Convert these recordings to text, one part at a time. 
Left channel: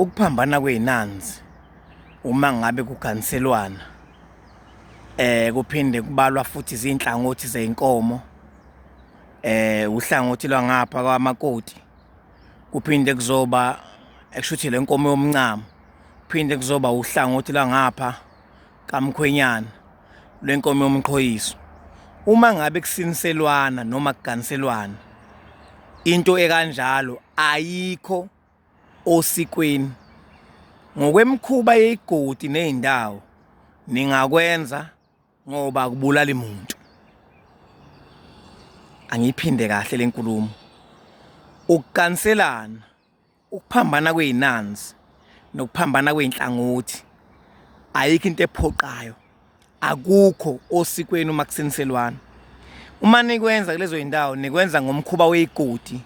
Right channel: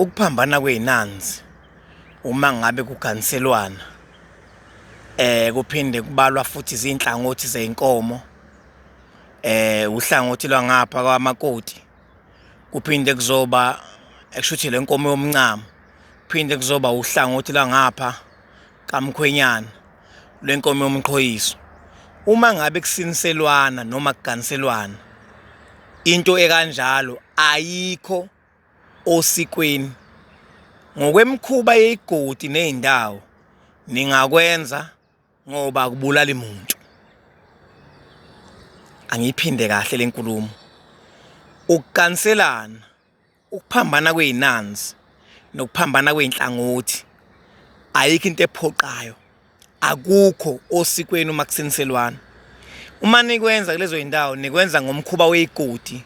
Ukuphambana kwey'nanzi uma ngabe kuganiselwana kuphinde kubalwa futhi izinhlangothi zey'nkomo, uhlangothi lwangapha kwamakoti, kuphinde kuzoba ekushuthi le nkomo yomncamo, kuphinde kuzoba uhlangothi lwangapha kamkhwenyana lwenkomo yomqhoyiso. Uma ngabe kusiniselwana noma kuganiselwana, into ekanjalo ayikho osikweni. Ngokwemikhuba yey'godi ney'ndawo ningakwenza ngoba akubulali muntu. Angiyiphinde kahle le nkulumo. Ukuganiselana, ukuphambana kwey'nanzi nokuphambana kwey'nhlangothi ayikho into ephoqayo. Akukho osikweni uma kusiniselwana. Uma nikwenza kulezo y'ndawo nikwenza ngomkhuba wey'godi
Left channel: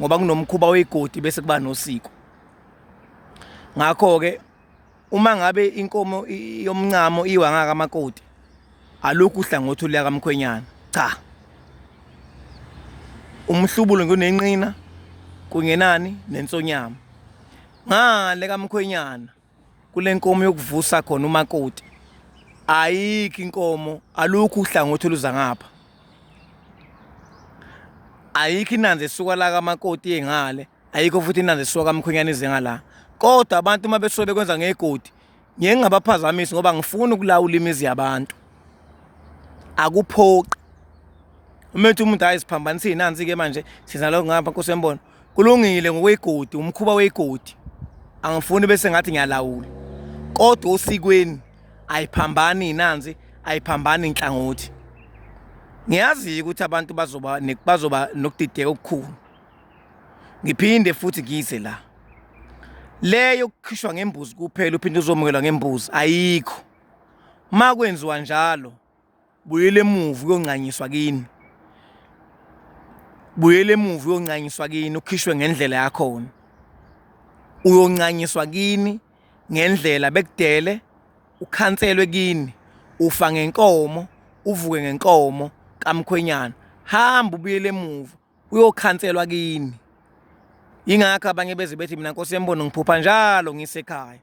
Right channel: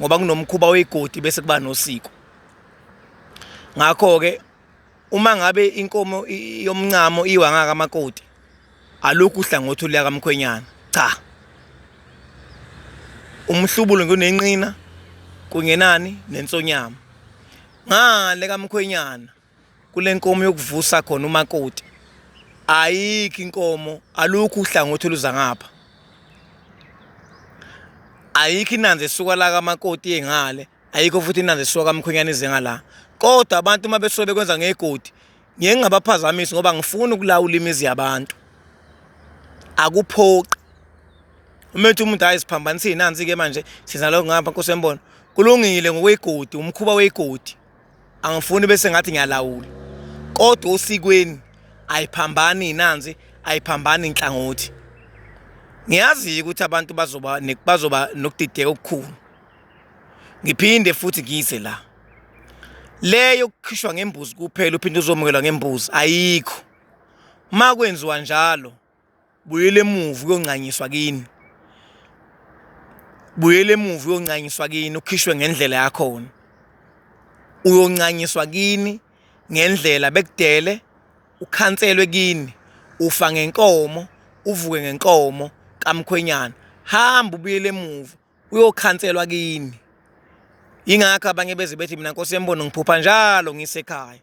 ngoba kunomkhuba wey'godi bese kuba nosiko. Ngakho-ke uma ngabe inkomo yomncamo iwa ngakamakoti, alukho uhlangothi oluya kamkhwenyana, cha. Umhlubulo ngunenqina kungenani nensonyama. Ngale kamkhwenyana kule nkomo yokuvusa khona umakoti, ayikho inkomo, alukho uhlangothi oluza ngapha. Ayikho inanzi esuka la kamakoti yengale, ayikho futhi inanzi esuka kamkhwenyana ize ngala. Kodwa abantu uma besuke bekwenza ngegodi, ngeke ngabaphazamisi ngoba ngifuna ukulawula imizi yabantu. Akuphoqi. Uma ethi umuntu hayi siphambanise iy'nanzi-ke manje siza lokho ngapha Nkosi yembona, kulungile ngokwegodi, umkhuba wegodi. Angifuni bese ngathi ngiyalawula. Kodwa osikweni ayiphambani iy'nanzi, ayiphambani inhlangothi. Ngiyazi ukuthi abantu bazoba nokudideka okukhulu. Ngiphinde futhi ngize la. Leyo kukhishwa ngembuzi kuphela uphinde uzomukelwa ngembuzi ayikho. Uma kwenziwa njalo, buyele emuva uyonqanyiswa kini. Buyele emuva uyonqanyiswa kini ukhishwe ngendlela yakhona. Uyonqanyiswa kini ngendlela bekudele, ukhanselwe kini, ufa ngenkomo, uvuke ngenkomo kamkhwenyana. Hamba ubuyele emuva uyokhanselwa kini. Ingakho abanye beze bethi mina Nkosi yembona ngiphupha njalo ngisekhaya.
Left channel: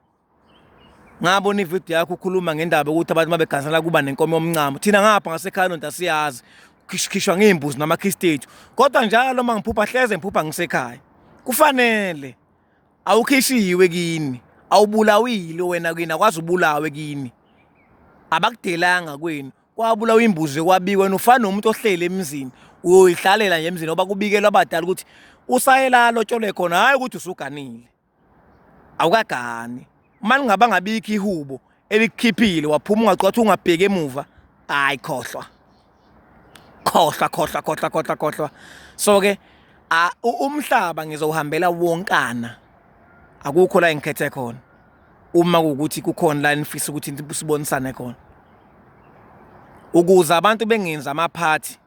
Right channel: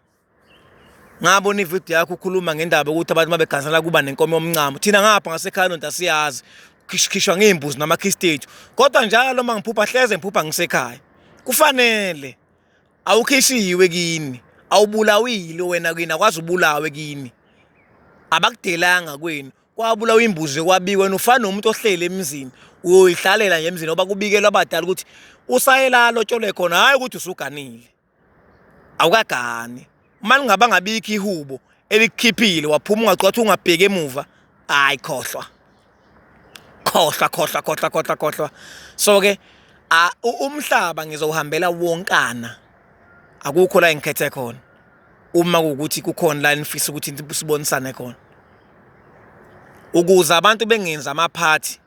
Ngabona ividiyo yakho ukhuluma ngendaba ukuthi abantu mabeganisela kuba nenkomo yomncamo. Thina ngapha ngasekhaya nonto siyazi khishwa ngezimbuzi namakhistetu. Kodwa njalo uma ngiphupha hleze ngiphupha ngisekhaya. Kufanele awukhishiwe kini, awubulawile wena kini, akwazi ubulawe kini. Abakudelanga kwenu. Kwabulawa imbuzi kwabikwa wena ufana nomuntu ohlele emzini. Uyoyihlalela nje emzini oba kubikelwa abadala ukuthi usayela lotshole khona, hayi ukuthi usuganile. Awukagani. Uma ngaba ngabikho ihubo elikukhiphile waphuma ungacwathi ungabheki emuva, hayi khohlwa. Khohlwa. So-ke umhlaba ngizowuhambela wonkana. Akukho la engikhethe khona. Uma kuwukuthi kukhona la nifisa ukuthi sibonisane khona. Ukuze abantu bengenzi amaphathi.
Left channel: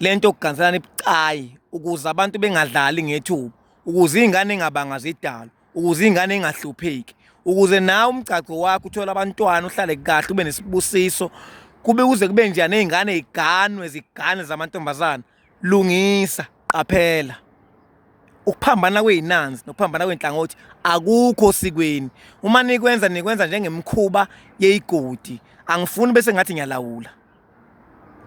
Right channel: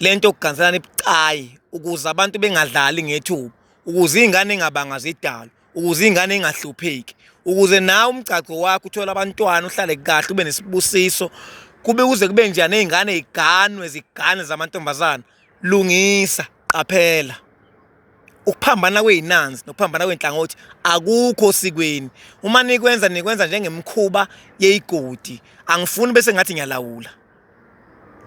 Lento yokuganiselana ibucayi, ukuze abantu bengadlali ngethuba, ukuze iy'ngane ingabanga zidalwa, ukuze iy'ngane ingahlupheki, ukuze nawe umgcaco wakho uthole abantwana uhlale kahle ube nesibusiso, kuze kube njani iy'ngane zigane zamantombazana. Lungisa, qaphela. Ukuphambana kwey'nanzi nokuphambana kwey'nhlangothi akukho osikweni. Uma nikwenza njengemikhuba yey'godi. Angifuni bese ngathi ngiyalawula.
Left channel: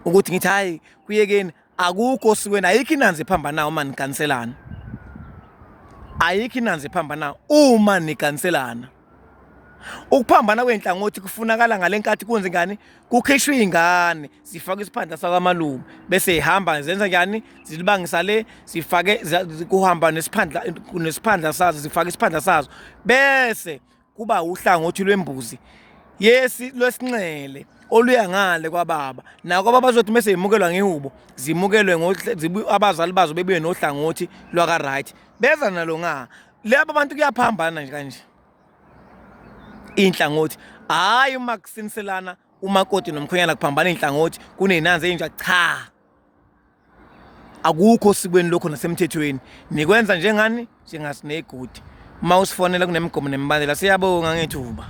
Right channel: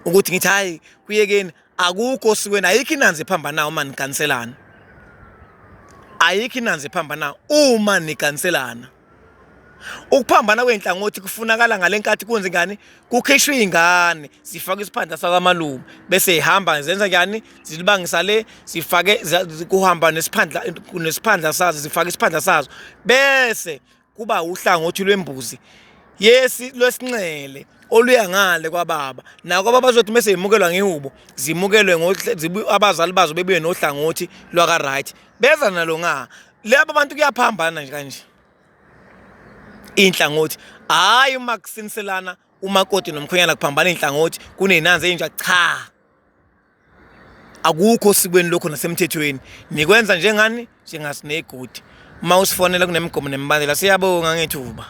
Ukuthi ngithi hayi kuyekeni, akukho osikweni, ayikho inanzi ephambanayo uma niganiselana. Ayikho inanzi ephambanayo uma niganiselana. Ukuphambana kwey'nhlangothi kufunakala ngale nkathi kwenze ngani, kukhishwa iy'ngane, zifake isiphandla sakamalume, bese zihamba zenza njani, zilibangisa le, zifake kuhamba nesiphandla sazo, zifake isiphandla sazo, bese kuba uhlangothi lwembuzi lwesinxele oluya ngale kwababa. Nako ababa bazothi mase zimukelwa ngehubo, zimukelwe abazali bazo bebuye nohlangothi lwaka right. Beza nalo laba bantu kuyaphambana nje kanje. Inhlangothi hayi uma kusiniselana umakoti nomkhwenyana kuphambana inhlangothi kunenanzi enja, cha. Akukho osikweni lokho nasemthethweni. Nikwenza njengani? Njengasinegodi. Uma usifonela kunemigomo nemibandela siyabonga ngethuba.